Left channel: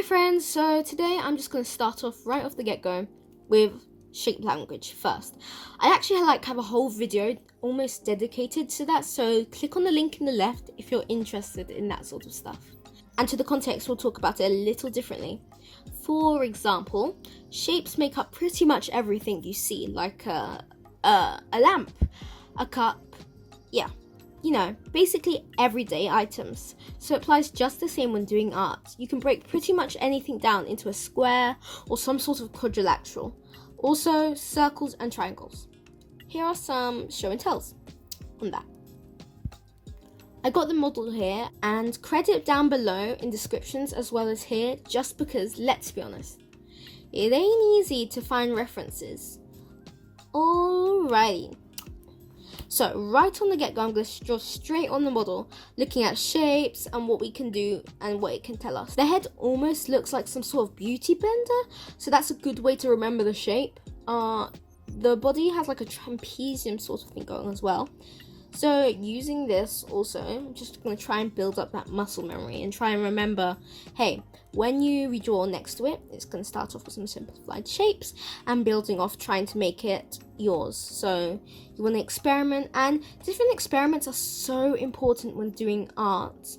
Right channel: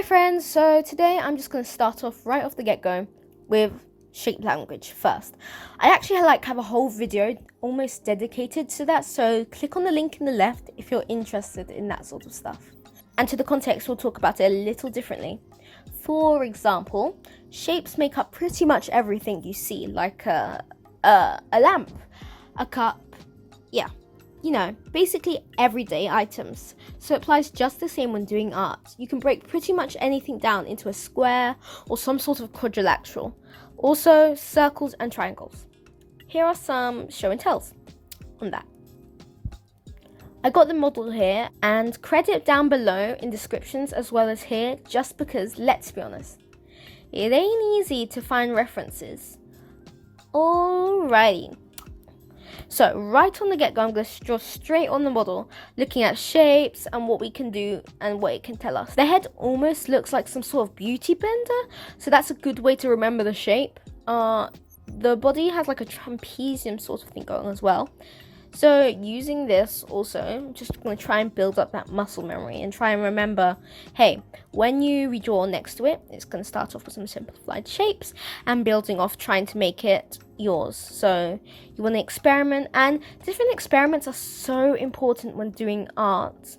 Hi friends, so today I'm just going to start off right off the get-go with shape language first. I actually have a whole video almost dedicated to that, so click on the link in the left if you're interested in that sort of stuff. And to the context, we'll talk about it a little differently. For example, shapes make up pretty much everything you see, like a lamp, a cup, basically everyday items. So it applies just the same when doing art. You can break pretty much anything down into a square or some sort of quadrilateral. Also, circles and triangles. Here are some show and tells on that. I got the model here, and credit down below in descriptions as well as here, just because, let's be honest, it ain't easy to find references. Alrighty. So right on the get-go, I'm going to draw straight on the model, looking at shapes and what we can do and what it can tell us. The head almost looks like some sort of beauty blender, so that's a good way to remember the shape. The body has like a trapezium sort of thing going as well. So using this also, I'm just going to try and build up that muscle memory and try and remember, hey, when you redraw next to it, it's going to start off with some simplified shapes and building off trying to make it yours. So you want to experiment, and different experiments are so important when doing art.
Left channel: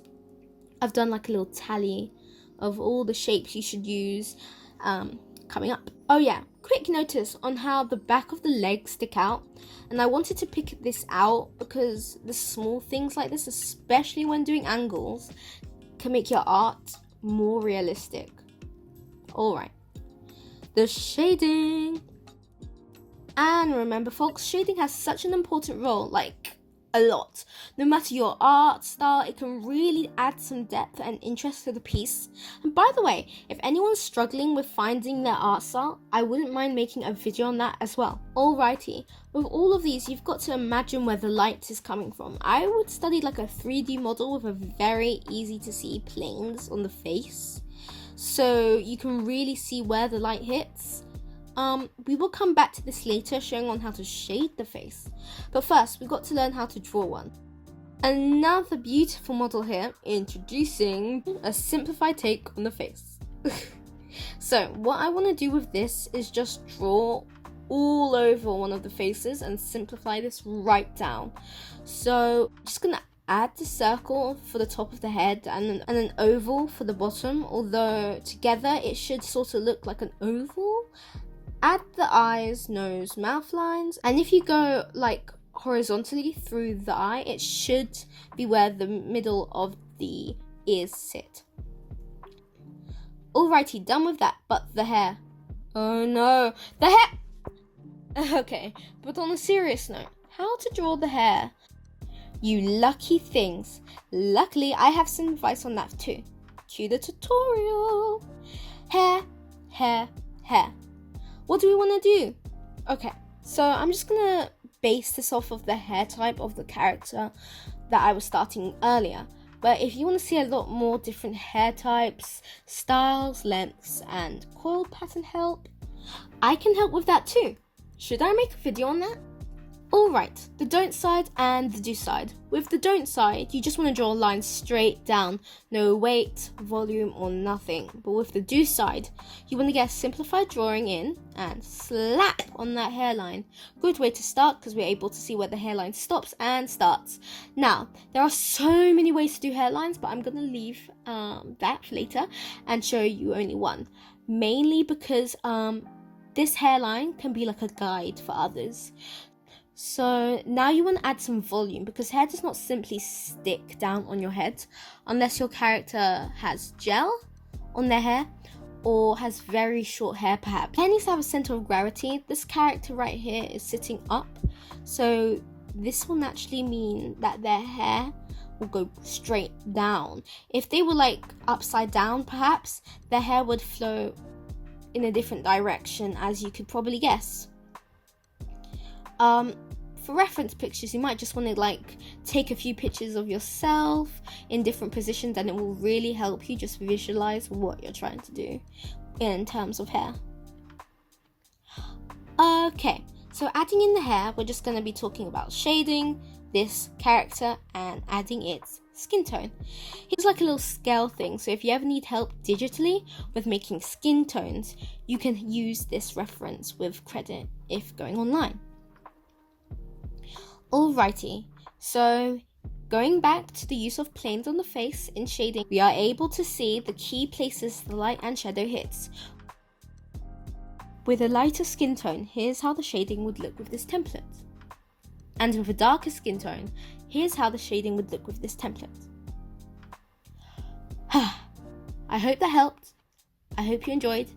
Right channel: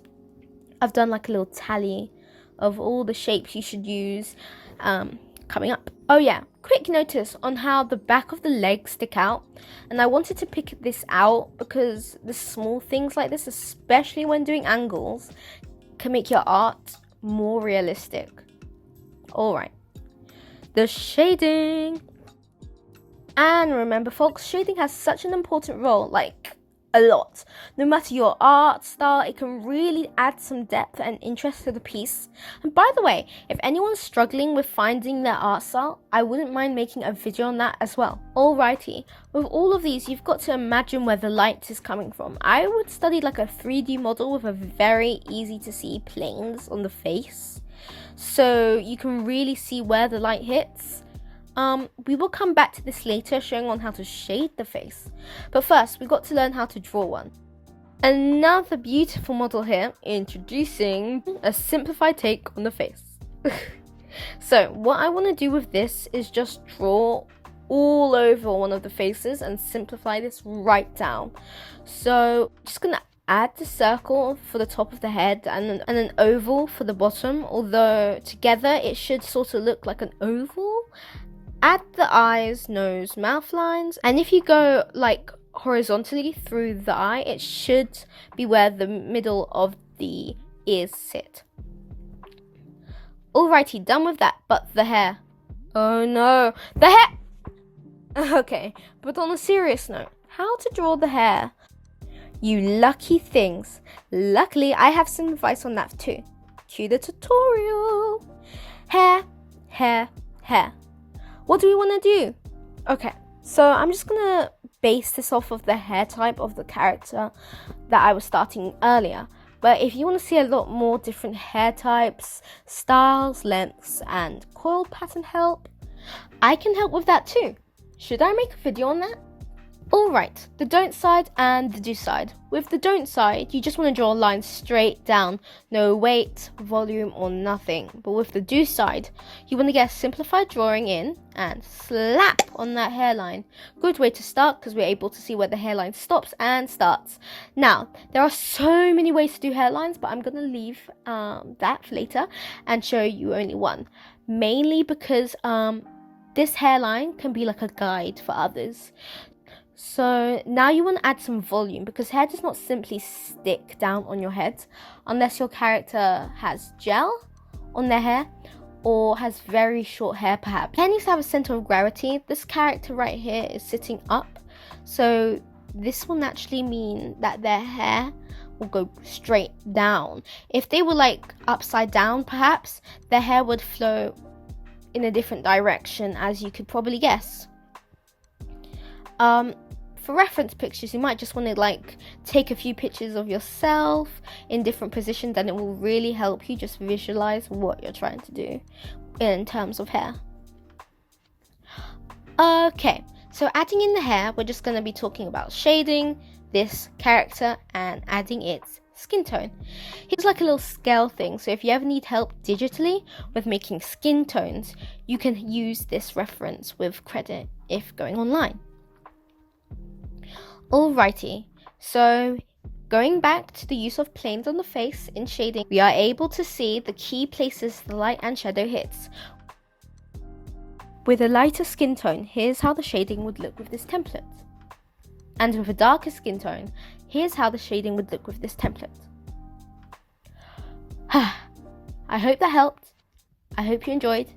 I've done like a little tally of all the shapes you should use coming up. Oh yeah, quick notice on how the back of the legs stick out, and I wanted to pick this out because the small things like this, especially when doing angles, can make your art more realistic. Alright, the shading. And remember folks, shading has such an important role, like a lot. No matter your art style, it can really add some depth and interest to the piece. And by the way, if anyone's struggling with finding their art style, I wouldn't mind making a video on that as well. Alrighty, with all of these, you've got to imagine where the light is coming from. I would study like a 3D model with a very easy to see planes on the face, so you can really see where the light hits. We will come back to this later, showing on how to shade the face. But first, we've got to learn how to draw one. Another beautiful model here, introducing a simplified take on the face. So, what I want to do with this is just draw all over one of the faces and simplify this right down. So, just going to add the circle for the top of the head and an oval for the bottom, although together it should sort of look like an oval. Add the eyes, nose, mouth lines, and if you go like horizontally through the eye, it should be where the middle of the ears sit. Alrighty, done with that, but the hair. Oh no, the hair! Okay, but on a serious note, how to draw the hair? You lucky things. Luckily, I have some advice on that too. Cue the tutorial. Hair, hair, hair. What do we want to do? Okay, so I'm just going to base this off of the hair type of the character that I was starting earlier. But if you want to see a lot more different hair types, styles, lengths, and coil pattern help, I can help with that too. Should I make a video on that? Alright, the don't side and the do side. With the don't side, you just want to draw a line straight down, no weight, volume, or nothing. But with the do side, you want to get a simplified drawing in and slap on that hairline. Good way to start because we're able to see where the hairline stops and starts. Now, there are so many ways to do hairlines, but I'm going to leave that for later and show you only one. Mainly because this hairline can be like a guide for others. So now you want to add some volume, because hair does not simply stick down on your head unless your character has gel on their hair or has very short hair perhaps. Hair needs to have a center of gravity. This character right here is sitting up, so this will naturally mean that their hair will go straight down. If they were like upside down perhaps, their hair would flow in a different direction, as you could probably guess. For reference pictures, you might just want to like take a few pictures of yourself in different positions, and it will really help you just visualize what you're trying to do in terms of hair. Okay, so adding in the hair, we're just going to be talking about shading this character and adding its skin tone. Here's like a little scale thing, so if you ever need help digitally with making skin tones, you can use this reference with credit if going online. Alrighty, so going back to the use of planes on the face in shading, we are able to see the key places the light and shadow hits. With a lighter skin tone, here's how the shading would look with this template. And with a darker skin tone, here's how the shading would look with this template. I hope that helped. I hope you enjoyed.